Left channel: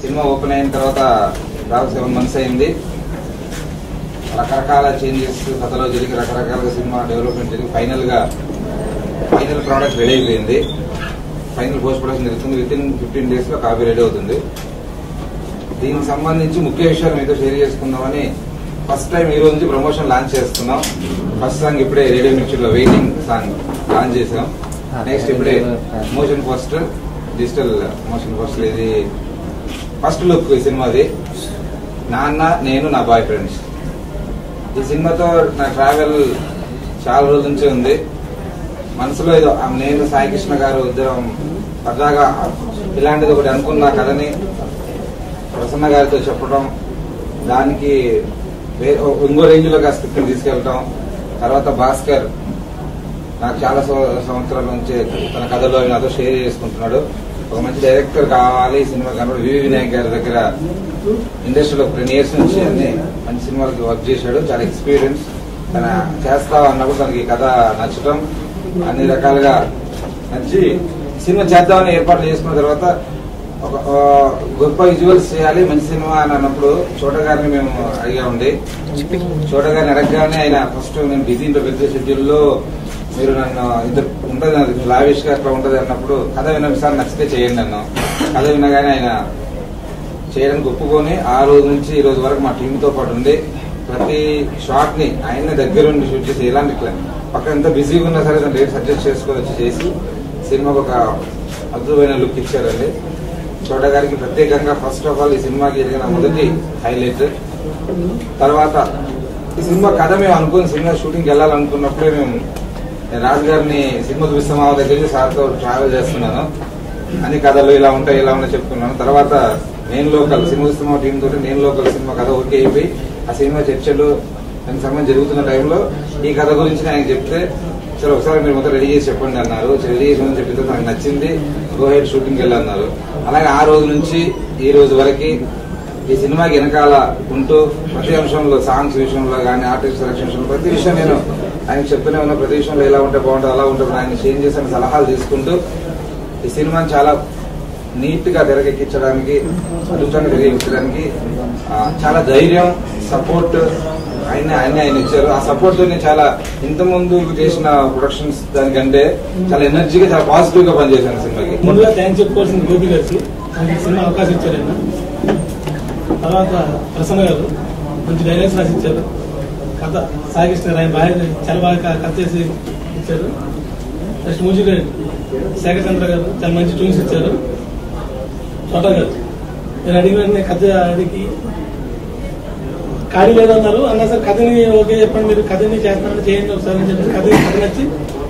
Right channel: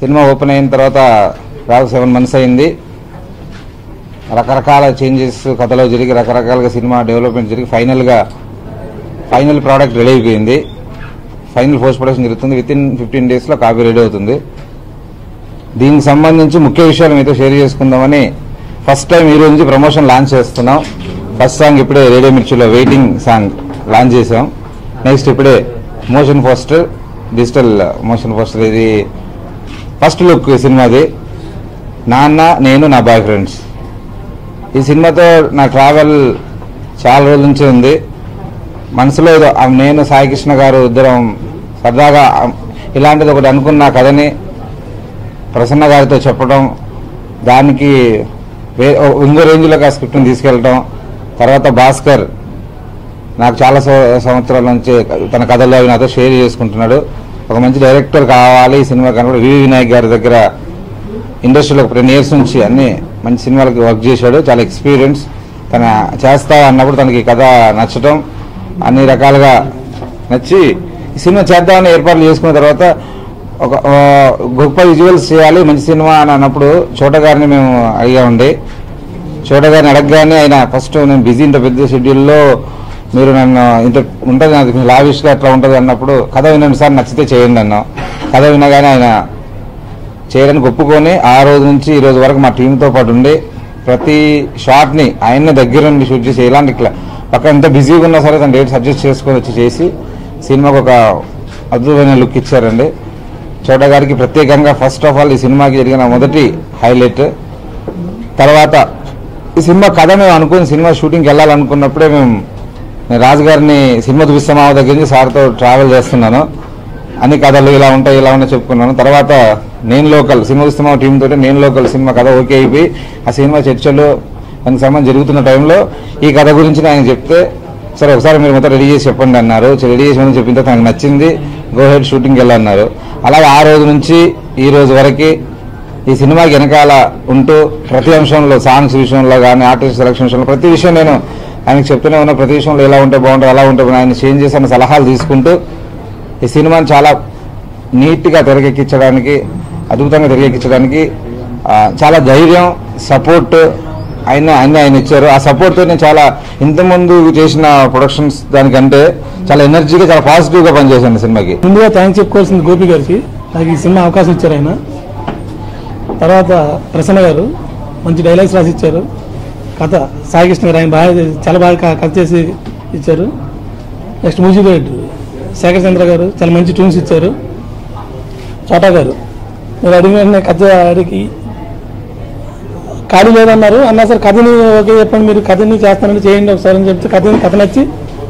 Cinema open అయిన తర్వాత దాదాపు 7 months అయింది. రకరకాల చేంజెస్ కథలో జరిగి రకరకాలుగా సినిమా డెవలప్మెంట్ జరిగి ఫైనల్ ప్రోడక్ట్ రెడీ అయిపోయింది. ఫైనల్ పోస్ట్ ప్రొడక్షన్ జరుగుతుంది. వితిన్ 15 days కాపీ రెడీ అవుతుంది. దీనికి సంబంధించి ముఖ్య విషయాలు మీతో షేర్ చేసుకుందామని ఫస్ట్ టైం ఈ రోజు నుంచి ప్రమోషన్ లాంచ్ చేస్తున్నాం. ఫస్ట్ సాంగ్ ఇప్పుడే రేడియో మిర్చిలో వెయిటింగ్ సాంగ్ లాంచ్ చేసాం. నెక్స్ట్ ఇప్పుడే motion poster, digital motion poster, ఇది ఫస్ట్ లుక్ సినిమాది. నాన్న నేను నా బాయ్ ఫ్రెండ్స్. ఈ సినిమాతో నా ట్రావెల్ చాలా రోజుల నుంచి ఉంది. మనసులో ఏదో నేను సాయికృష్ణ గారు ఇద్దరం సరదాగా ఇలాంటిది ఒకటి అనుకున్న కథని ప్రసన్న గారితో చెప్పడం, దానికి ఇంకో రేంజ్లోకి ఆ స్క్రిప్ట్ని తీసుకెళ్ళటం, తర్వాత భాస్కర్ నాకు చాలా సంవత్సరాల నుంచి తన కథలో నాతో షేర్ చేసుకుంటున్నాడు. ఒక మంచి డైరెక్టర్ కావాలి ఈ సినిమా కాకుండా వి వినాయక్ గారి దగ్గర ఇండస్ట్రీలో 10 years నుంచి అన్ని మంచి సినిమాలకి వర్క్ చేశాడు. చాలా ఎక్స్పీరియన్స్. తన చేస్తా అన్నప్పుడు తనకి కథ నచ్చటం, అన్ని రకాలుగా నచ్చి ఈ సినిమా చేద్దామని ఏర్పాట్లు చేసుకున్న తర్వాత ఒక గొప్ప విజువల్స్ చేయాలి మంచి సినిమా అని అన్నప్పుడు చోట గారిని మేము అడిగామండి. చోట గారిని అడగగానే ఆయన ఫస్ట్ నేను బిజీ ఇంత పెద్ద షెడ్యూల్లో మీరు నన్ను ఇంత ఉంటుంది నాకు లావిష్గా ఎట్లా ఉంటుంది అన్నప్పుడు కథ వినండి సార్, నచ్చితే చేయండి అన్నాం. కథ వినగానే ఆయన చేయడానికి ఒప్పుకొని ఆ రోజు నుంచి ఈ రోజు వరకు మా టీంతో పాటు ఉండి ప్రతి షాట్ని ఆయన్నే దగ్గర ఉండి షూట్ చేసి ఇలాంటి పక్కన ఎంత బిజీగా ఉన్నా సరే తన డేట్స్ అడ్జస్ట్ చేసుకొని వచ్చి చేసి సినిమాకు ఒక అద్భుతమైన లుక్ ఇచ్చారండి. చోట గారికి ప్రత్యేకంగా ఫస్ట్ ఆఫ్ ఆల్ ఈ సినిమాకి జరిగిన మొదటి హైలైట్. తర్వాత ఈ సినిమా కథ మేము అనుకుని సినిమా షూటింగ్కి వెళ్ళాలనుకున్నప్పుడే నేను రాజుగారిని సినిమా చూపిస్తామా దగ్గర నుంచి సార్తో ట్రావెల్ చేస్తున్నాను. అన్ని కథలు ఇలా ఉంటాయి చెప్పుకున్నాను. తర్వాత నేను లోకల్ సినిమా చూస్తామా టీం తోటి నేను లోకల్ సినిమా కథ ఓకే అయిపోయి ఆ సినిమా చర్చలు దానికి సంబంధించి జరుగుతున్న టైంలో ఈ కథ గురించి ఆయన చెప్తే సరే ఒకసారి మీరు మొత్తం రెడీ చేసి చెప్పండి అన్నారు. రెడీ చేసి చెప్పిన తర్వాత నాకు నచ్చింది, గో హెడ్ షూటింగ్కి వెళ్ళన్నారు. అలాగే ఆ రోజు నుంచి ఈ రోజు వరకు ఈ సినిమాకి వెనకాల ఉంటూ ప్రతి అంశంలో సాంగ్స్ విషయంలో కానీ ఆర్టిస్ట్ సెలక్షన్ విషయంలో ప్రతి విషయం నేను ఆయనకు చెప్తూనే ఉన్నా. ప్రతి విషయంలో ఎలా ఉంటే బాగుంటుంది అలా ఉంటే ఆయన చేంజ్ చేసిన సలహాలు తీసుకుంటూ ఈ సినిమాని చాలా నీట్గా తెరకెక్కించడానికి, అద్భుతంగా తెరకెక్కించడానికి చాలా ధైర్యం, సపోర్ట్ ఆయన ఇచ్చారు. ఆ సపోర్ట్తో నేను చాలా ఇంతకుముందు చేసిన ప్రొడక్షన్స్ దానికంటే చాలా ఎనర్జీగా చాలా పాజిటివ్గా పనిచేశాను సినిమాకి. ముందుగా థ్యాంక్స్ చెప్పుకోవాల్సింది గోపి గారికి, నాకు ఈ సినిమా అవకాశం ఇచ్చారు ఆయన. తర్వాత ప్రసన్న గారు మంచి డైలాగ్స్ రాసి ఇచ్చారు. కథ సాయికృష్ణ గారు ఆయన చాలా బాగా కథ చేసి ఇచ్చారు. నెక్స్ట్ మ్యూజిక్ డైరెక్టర్ శేఖర్ చంద్ర గారు చాలా మంచి ట్యూన్స్ ఇచ్చారు. చోటా గారు నేను అడిగిన కథ అడిగి ఖాళీ లేదన్నారు, అన్నా సార్ కథని ఓకే చెప్పండి, మీరు కథని చేస్తానని చేయండి ఒకసారి అని చెప్తే కథ నచ్చి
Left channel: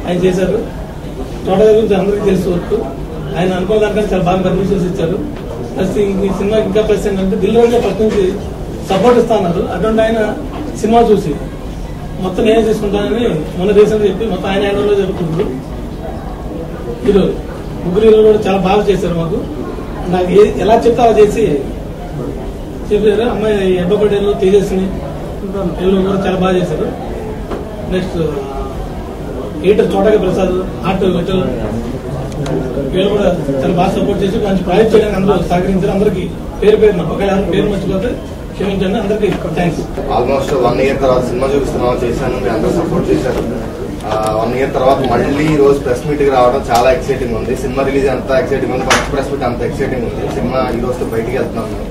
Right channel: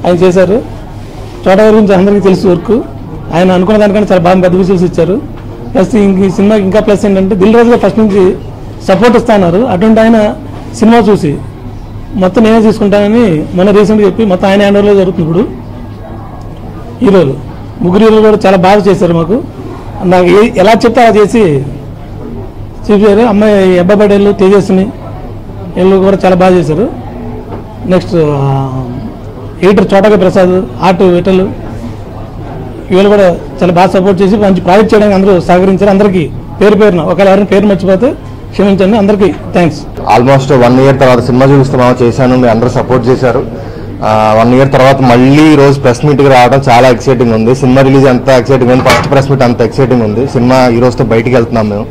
ఆయన చేశారు. చోటా గారి గురించి అందరికీ తెలుసు వర్క్. ఆయన అనుకున్న దానికంటే చాలా బాగా పెద్ద విజువల్స్ ఇచ్చారు. ప్లస్ ఈ సినిమాకి ఇంకా ప్లస్ ఏంటంటే దిల్ రాజుగా ఫస్ట్ నుంచి సపోర్ట్ ఇస్తున్నారు. అటువంటి ఆయన సినిమా చూసి మొత్తం నేనే తీసుకుంటానని మన దేశంలో చెప్పి మొత్తం ఆయన హ్యాండ్ ఓవర్లో జరుగుతుంది. ఇప్పుడు హీరోలు ముగ్గురు హీరోలు కూడా చాలా బాగా చేశారు. మాకు నాకు ఎలా చెప్తే అలా చేసి చెప్పారు. అమ్మాయి అబ్బాబడేళ్ళు తేజస్ని వీళ్ళు కూడా చాలా బాగా చేశారు. నెక్స్ట్ ఎడిటర్ చోటగా ప్రసాద్, ఆర్ట్ విఠల్ వీళ్ళు కూడా చాలా బాగా సపోర్ట్ చేసి మంచి ప్రాజెక్ట్ చేయడానికి అందరూ సహకరించారు. అందరికీ పేరు పేరున ఒకవేళ ఎవరైనా పేరు మర్చిపోతే క్షమించండి. అందరికీ థ్యాంక్స్. ఆల్మోస్ట్ 1 year తర్వాత సినిమా చూపిస్తామా చేశాను, మీరు అందరూ సపోర్ట్ చేశారు. 1 year తర్వాత మళ్ళీ ఈ రోజు ప్రెస్ మీట్కి రావడం చాలా ఎక్సైటింగ్ ఉంది. సినిమా రిలీజ్ అంత ఎక్సైటింగ్ ఉంది, ఫస్ట్ ప్రెస్ మీట్ అంత ఎక్సైటింగ్ ఉంది. సినిమా ఈ రోజుతో బయటికి వెళ్తున్నాం మేము.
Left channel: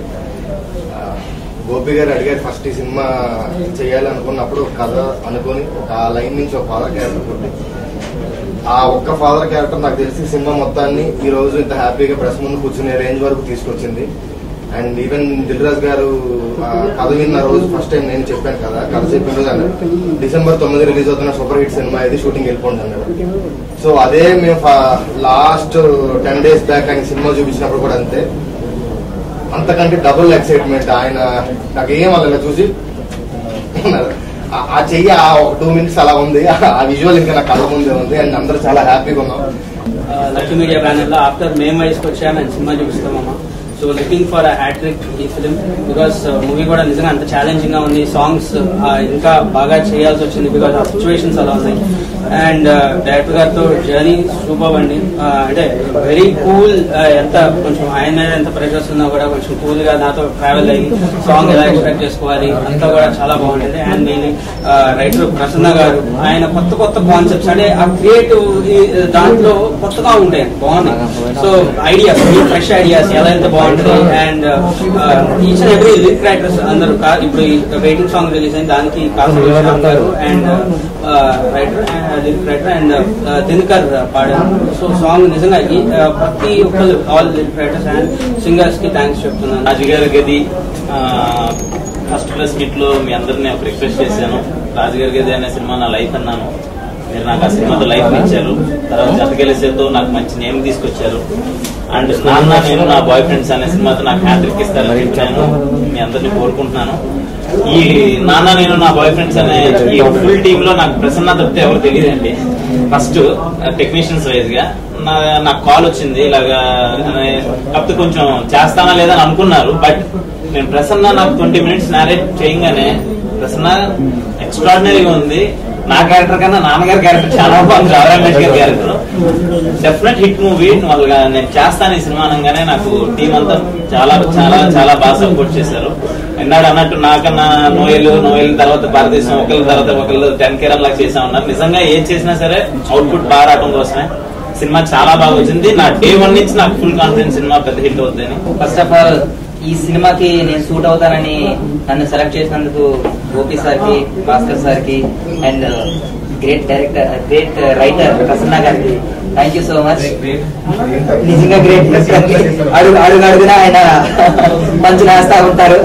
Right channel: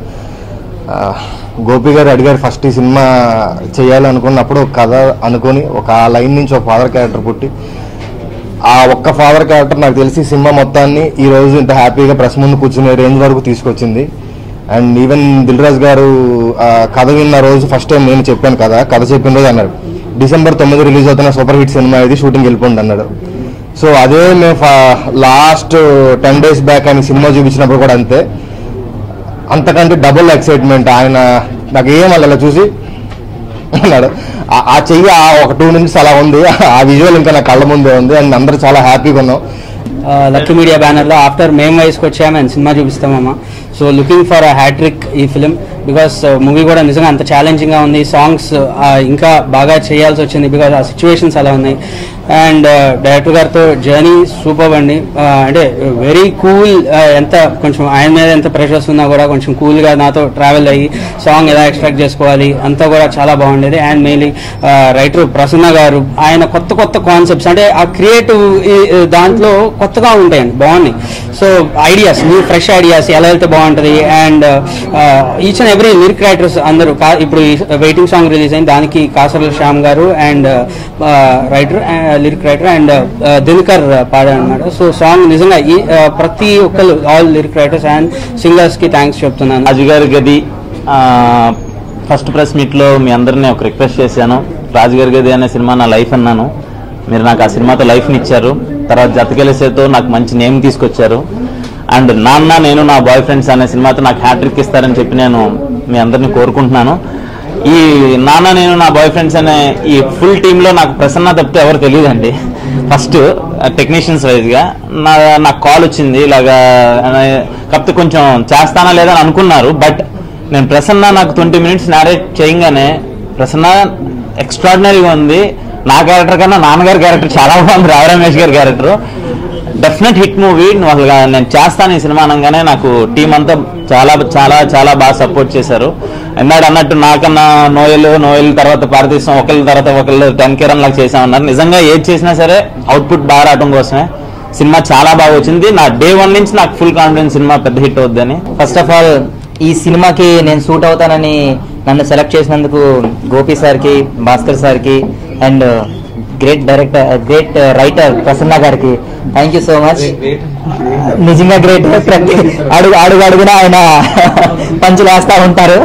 గోపి గారు అడిగారు ఫస్ట్ ఈ సినిమా చేయాలనుకున్నప్పుడు కథ అనుకుని ఒక లైన్ నుంచి ఒక ఫాదర్ క్యారెక్టర్ పుట్టి ఆ ఒక్క ఫాదర్ క్యారెక్టర్ నాకు తెలిసి సినిమా మొత్తాన్ని ఈ రోజు ఇంత హ్యాపీగా ప్రెస్ ముందు కూర్చునే రేంజ్ వరకు తీసుకొచ్చింది. అండ్ ఈవెన్ దిల్ రాజు గారు కథ విన్న రోజు ఫస్ట్ టైం నేను చెప్పాను కదా, కథ చెప్పిన రోజు అన్నాడు December 9 రిలీజ్ అవుతున్న సూపర్ హిట్ సినిమా ఇది, షూటింగ్ వెళ్ళిపోండి అన్నాడు. సో అదే మేము లాస్ట్ 10 days బ్యాక్ ఆయన సినిమా చూపించినప్పుడు కూడా అంతే అంతకంటే డబుల్ ఎక్సైట్మెంట్. ఆయన నాకు ఏం అలా చూసి అన్నాడు. ఆ చెయ్యి ఒక 2 minutes అలా ఉంది. ఆ విజువల్ ఇంకా నా కళ్ళ ముందే ఉంది. అండ్ అందరూ చాలా హ్యాపీగా ఉన్నాం. లక్కీ మీడియా బ్యానర్లో ఆఫ్టర్ మేము వయసుకు వచ్చాము అండ్ సినిమా చూపిస్తామమ్మా. So looking for a hat-trick ఈ ఫిలిం, బికాస్ మూవీ కూడా నిజంగా అంత ఛాలెంజింగ్గా ఉంది. సాంగ్స్ ఇంకా బాగా చేయాల్సి వచ్చింది బికాస్ ఆ సిచ్యువేషన్స్ అలా ఉన్నాయి. అండ్ డైరెక్టర్ గారితో జర్నీ సూపర్ అండి. అంటే వెరీ కూల్. ఎంత కొంచెం ఆయన మీద ఎంత ప్రెషర్స్ ఉన్నా కూడా కొంచెం కూల్గా నాతో ట్రావెల్ అయ్యి సాంగ్ ఎలా ఎక్స్ట్రాక్ట్ చేసుకోవాలి అంతా కూడా చాలా బాగుండేది. అండ్ మెయిన్లీ రైటర్ ప్రసన్న గారు, ఆయన కొత్త కొత్త కాన్సెప్ట్స్ అంటే ఆ క్రియేటివ్ దాంట్లో కొత్తగా ఉంటాయండి, బాగున్నాయి. సో ఐడియాస్, ఫ్రెష్ ఐడియాస్ ఎలా అయితే బాగుంటుంది. And each and every lyric writers అందరూ ఇప్పుడు వెయిటింగ్ సాంగ్ రిలీజ్ అయింది, దానికి కాసర్ల శ్యామ్ గారు and lyric writer and Dinakar పాడారు అనమాట. సో సాంగ్ నిజంగా ప్రతి ఒక్కరు all lyric writers and singers కి థ్యాంక్స్ చెప్తున్నాను. రాజుగారి గది ఫస్ట్ ప్రెస్ మీట్ లో మీ అందరినీ ఒక రిక్వెస్ట్ చేశాను. రాజుగారి గది అనే సినిమా నా లైఫ్ అన్నాను. మీరు నాకు ఆ సినిమాతో లైఫ్ని ఇచ్చారు. తర్వాత జతకెలిసేతో నాకు మంచి నేమ్ తీసుకొచ్చారు. అండ్ నాన్న నేను నా బాయ్ ఫ్రెండ్స్ అనే సినిమాతో నాకు హ్యాట్రిక్ ఇస్తారని చెప్పి నేను మీ అందరినీ కోరుకుంటున్నాను. ఈ నాన్న నేను నా బాయ్ ఫ్రెండ్స్ అనే ఈ ఫుల్ టీమ్ లో నాకు ప్రసన్న తప్పితే ఎవరు తెలియదండి. ఫస్ట్ టెక్నీషియన్స్ వైజ్ గా నాకు కాల్ వచ్చింది ఇలాగా, కాకపోతే కొంచెం చేస్తానా లేదా అని అనుకున్నారు. బట్ నేను ప్రసన్న నాకు 20 minutes నారేట్ చేయగానే ప్రసన్న ఎక్స్ట్రాడినరీగా ఉంది. నా క్యారెక్టర్ కన్నా నాన్నగారి క్యారెక్టర్ చాలా బాగుంది. రావు రమేష్ గారి క్యారెక్టర్ డెఫినెట్ హిట్ మూవీ. నేను చేస్తాను ఈ సినిమా అనగానే నాకు టీం అంతా చాలా చాలా చాలా బాగా సపోర్ట్ చేశారు. ఇందాక అన్నట్టు నాకన్నా నోయల్ తర్వాత భారతదేశం ఒకళ్ళ తర్వాత ఒకళ్ళు 10 కేరన్ లాగా చేసామన్నారు. నిజంగా ఏది చేసినా సరే అవుట్పుట్ బాగా రావడం కోసమే. సినిమా చాలా బాగా వచ్చింది. నా డే 1 నుంచి నాకు ఫుల్ కాన్ఫిడెన్స్ సినిమా పెద్ద హిట్ అవుద్దని. ఫస్ట్ ఆఫ్ ఆల్ ఈ సినిమాకి నేను సూట్ అవుతానని నన్ను సెలెక్ట్ చేసినందుకు గోపి సార్కి, భాస్కర్ సార్కి and great director, great writer Prasanna గారికి థ్యాంక్ యూ సో మచ్. నిజంగా గ్రేట్. అడుగున ఆయన పంచులు వేస్తా ఉంటారు.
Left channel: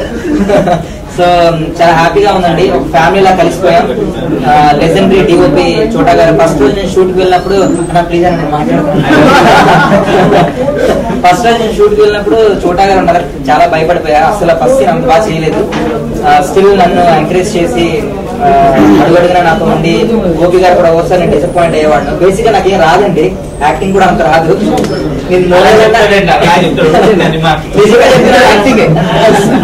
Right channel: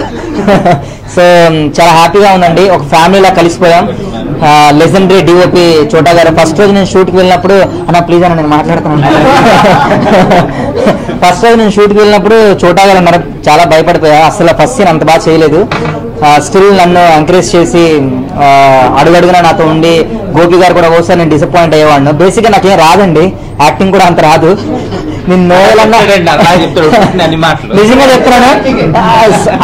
సో చాలా హ్యాపీగా ఉందండి. ఒక ఫ్యామిలీలా కలిసిపోయాం. లెజెండరీ డిఓపి చోటా గారు ఫస్ట్ రోజు నేను షూట్కి వెళ్ళినప్పుడు అన్న ప్లీజ్ అని నేను మాట్లాడుతున్నాను. ఫస్ట్ రోజు నేను షూట్కి వెళ్ళినప్పుడు చోటా గారు అన్నారు, చాలా భయపడిపోయా, అసలు ఫస్ట్ సీన్ అంత బాగా చేయలేదు. స్టిల్ నన్ను ఎంకరేజ్ చేసి అడుగడుగునా నాతో ఉండి, గోపి గారు కూడా ఓసారి నేను డిసప్పాయింట్ అయ్యేవాడిని. బేసిక్గా నాకేం రాదండి, యాక్టింగ్ కూడా అంత రాదు. నేను నిజంగా చెప్తున్నాను,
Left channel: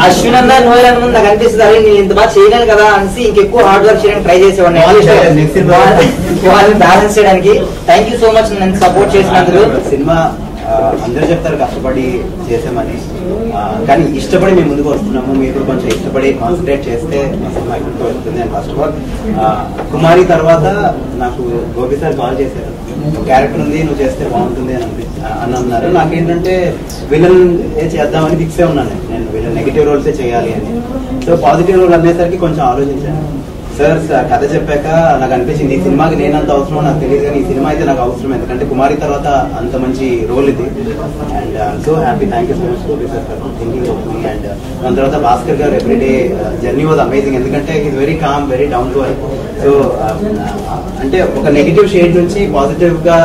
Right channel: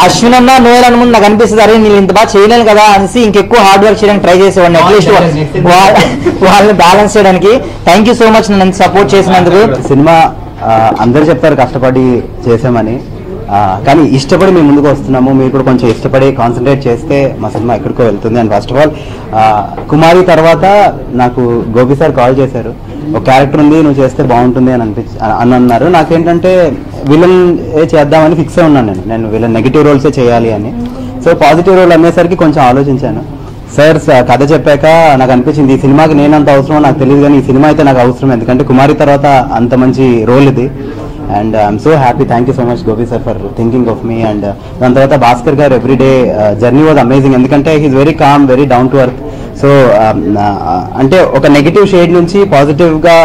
అశ్విన్ అన్న నోయల్ అన్న ముందు నాకు అనిపిస్తుంది అరే నేను ఇంత బాగా చేయలేను కదా అనేసి ఇంకెక్కువ హార్డ్ వర్క్ చేయడానికి ట్రై చేసేవాడిని అట్లీస్ట్ వాళ్ళని బ్యాలెన్స్ చేయడానికి. థ్యాంక్ యూ సో మచ్ నన్ను సపోర్ట్ చేసినందుకు. సినిమా అందరూ చెప్తారు కష్టపడి చేసామని, కానీ ఇష్టపడి మేము ముందుకు వస్తున్నాము. మీరు కూడా కొంచెం ఇష్టపడి కాన్సన్ట్రేట్ చేస్తే మా సినిమా ఎక్కడికో వెళ్తుంది. అండ్ ఫస్ట్ ఆఫ్ ఆల్ కుమారి తర్వాత నాకు గోపి సార్ కాల్ చేశారు, ఒక క్యారెక్టర్ ఉంది నువ్వు చేస్తే బాగుంటుంది అని అన్నారు. నాకేంటంటే విలన్ చేద్దామని ఫిక్స్ అయి ఉన్నాను. నేను విలన్ నెగిటివ్ రోల్సే చేయాలి అని. సో పాజిటివ్ రోల్ అనేసరికి కొంచెం ఆలోచించాను. సార్ కథ చెప్పాక నాకు అనిపించింది ఈ సినిమాకి నేను అంత అవసరం నాకు తెలియదు, కానీ ఈ సినిమా అయితే నాకు అవసరం. ఎందుకంటే కుమారి తర్వాత అంత మంచి రోల్ ఇది. And I'm so happy. Thank you so much Gopi sir for thinking of me. And దాని తర్వాత భాస్కర్ గారు ఎవ్రీడే జర్నీ వాజ్ అమేజింగ్. ఎందుకంటే he's very calm, very down to earth. So అంటే ఒక నెగిటివ్ షేడ్ నుంచి పాజిటివ్ గా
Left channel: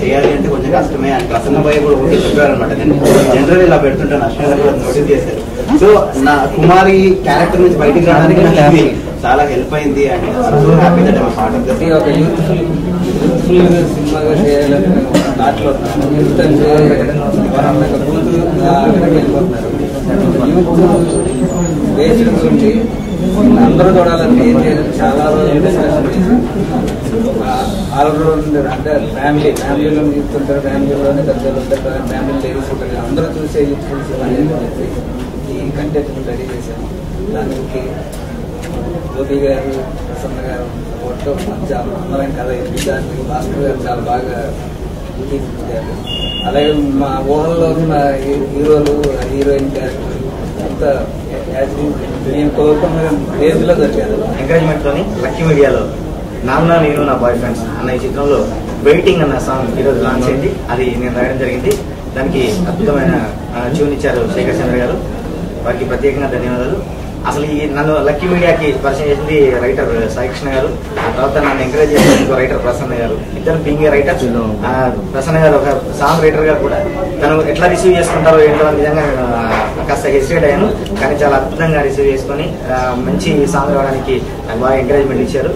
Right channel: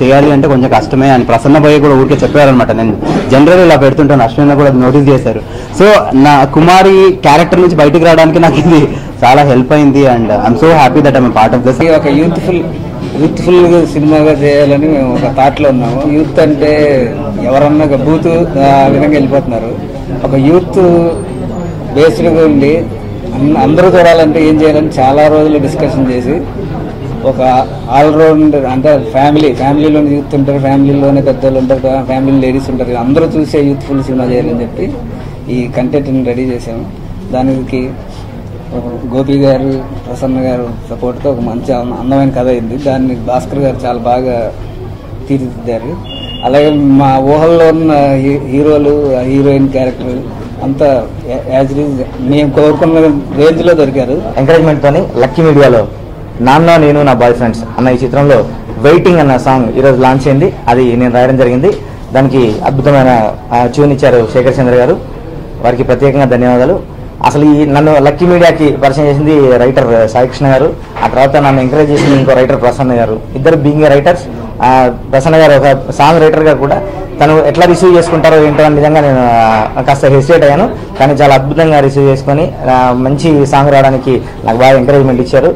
చేయాలి అంటే కొంచెం కష్టమే. అండ్ ప్రసన్న భయ్య కూడా ఊరికే చెప్పారనమాట, నేను జనరల్ ఇలా పెడుతుంటాను, అశ్విన్ కూడా నోటీస్ చేశారు. సో నా కుమారి క్యారెక్టర్ నుంచి బయటకు రావడానికి నాకు ఇది చాలా హెల్ప్ అయింది. And I'm so happy that I'm part of this. ఒక యూత్ఫుల్ సినిమాగా చేయాలని మేము ఒక థాట్లో ఉన్నాము. యూత్ అంటే ఎవరన్నా ఒక బూత్ వెనక్కి వెళ్ళిపోతున్నారు. ఒక యూత్ బేస్డ్గా ఉండి అందరూ చూడాలంటే ఏం చేయాలని చాలా రోజులు డిస్కషన్ చేసి ఒక ఆల్రౌండర్ అంటే ఫ్యామిలీలో యూత్ ఉంటారు, ఫ్యామిలీలోనే పెద్దలు ఉంటారు, ఫ్యామిలీ లేడీస్ ఉంటారు, అందరూ చూసే యూత్ఫుల్ సినిమా చేయాలని చెప్పి ఈ కంటెంట్ని రెడీ చేసాము. దానికి గోపి గారు, ప్రసన్న గారు సపోర్ట్తో ఒక మంచి అందమైన కథ అయింది. దాన్ని భాస్కర్ గారు చాలా బాగా తీర్చిదిద్దారు. అలాగే మా ఊహల్లో ఉన్న హీరోలు, హీరోయిన్ క్యారెక్టర్ అంతా మేము కోరుకున్న రేంజ్లో దొరికారు. ఎంకరేజ్మెంట్ తోని లక్కీ మీడియాలో నాన్న నేను నా బాయ్ ఫ్రెండ్స్ అన్న ఈ చిత్రంలో వెయిటింగ్ అన్న సాంగ్ ఈరోజు లాంచ్ అయింది. అది నేను రాయడం జరిగింది. దానికి అద్భుతమైన ట్యూన్ ఇచ్చారు శేఖర్ చంద్ర గారు, వారికి ప్రత్యేకంగా ధన్యవాదాలు. అసలు ఈ నన్ను లక్కీ మీడియాకి పరిచయం చేసింది రైటర్ సాయికృష్ణ గారు, ఆ తర్వాత నన్ను ఎంకరేజ్ చేసింది ఇంకో రైటర్ ప్రసన్న గారు. ఇద్దరు బీయింగ్ రైటర్స్. ప్రసన్న గారు ఒక సాంగ్ రైటర్ గా కూడా తను ఎట్లా రిసీవ్ చేసుకుంటారో ఏంటో అనే విధంగా నేను కాస్త హెసిటేట్ అయ్యాను. కానీ చాలా అద్భుతంగా రిసీవ్ చేసుకొని మంచి సాంగ్ రావడానికి నాకు బాగా ఎంకరేజ్మెంట్ ఇచ్చారు.